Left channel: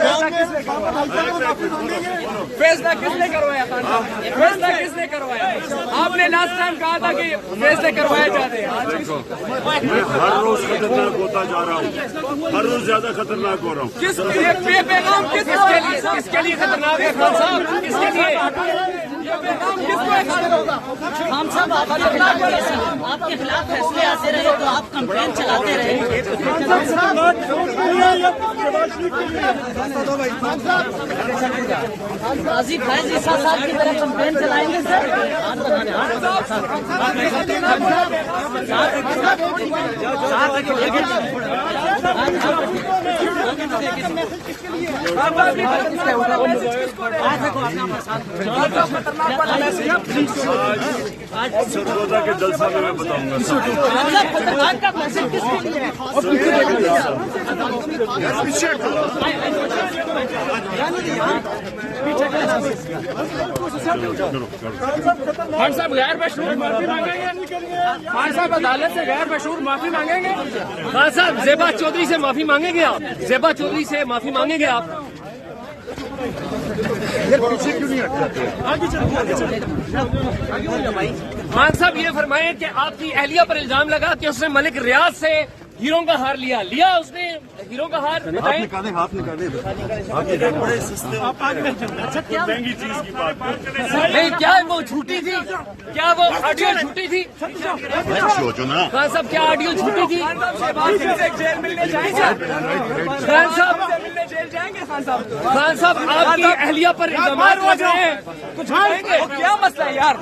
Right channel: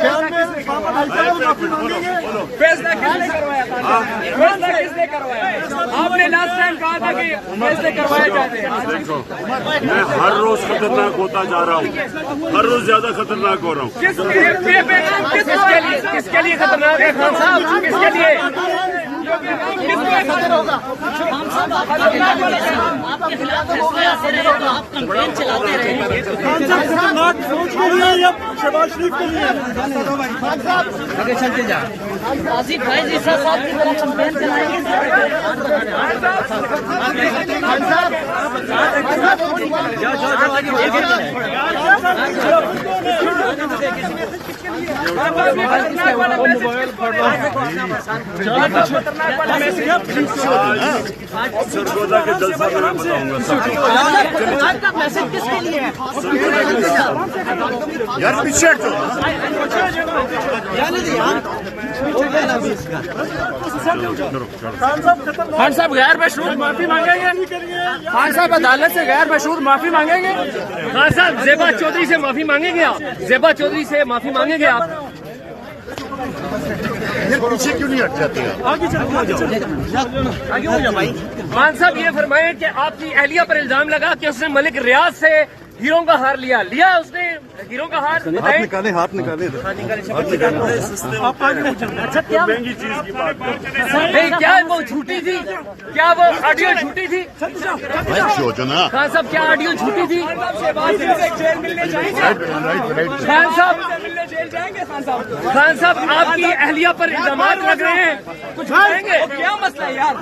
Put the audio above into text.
فیصلہ کس نے کروایا تھا؟ فیصلہ کس نے کروایا؟ آپ نے لاسٹ ٹائم کہا تھا کہ فیصلے کروائے جاتے ہیں. دیکھو میں ہر روز خطرناک ہوتا جا رہا ہوں, ہر روز زیادہ خطرناک ہو رہا ہوں. کس کے لیے خطرناک ہے خان صاحب؟ کس کے لیے؟ آج سرگودا کے جلسہ میں بتاؤں گا سب کو. خان صاحب غیر مشہور معافی مانگیں گے؟ خان صاحب عدالت سے غیر مشہور معافی مانگیں گے؟ خان صاحب زیبا چودھری سے معافی مانگیں گے آپ؟ زیبا چودھری سے معافی مانگیں گے آپ؟ پیچھے کیوں نہیں ہٹ جاتے؟ خان صاحب یہ فرمائیں کہ آپ کی اہلیہ پر الزام لگا کہ اس نے ملک ریاض سے ہیروں کا ہار لیا اس نے ہیروں کا ہار. ہاتھ نکالے ہاتھ نکالے. مہنگی چیز کی بات نہیں, کیا وہ جھوٹی تھی؟ کیا وہ آڈیو جھوٹی تھی؟ خان صاحب کیا آڈیو جھوٹی تھی؟ خان صاحب آپ کی اہلیہ پر الزامات لگ رہے ہیں, کچھ بتائیں گے؟ کیا مسئلہ ہے یار؟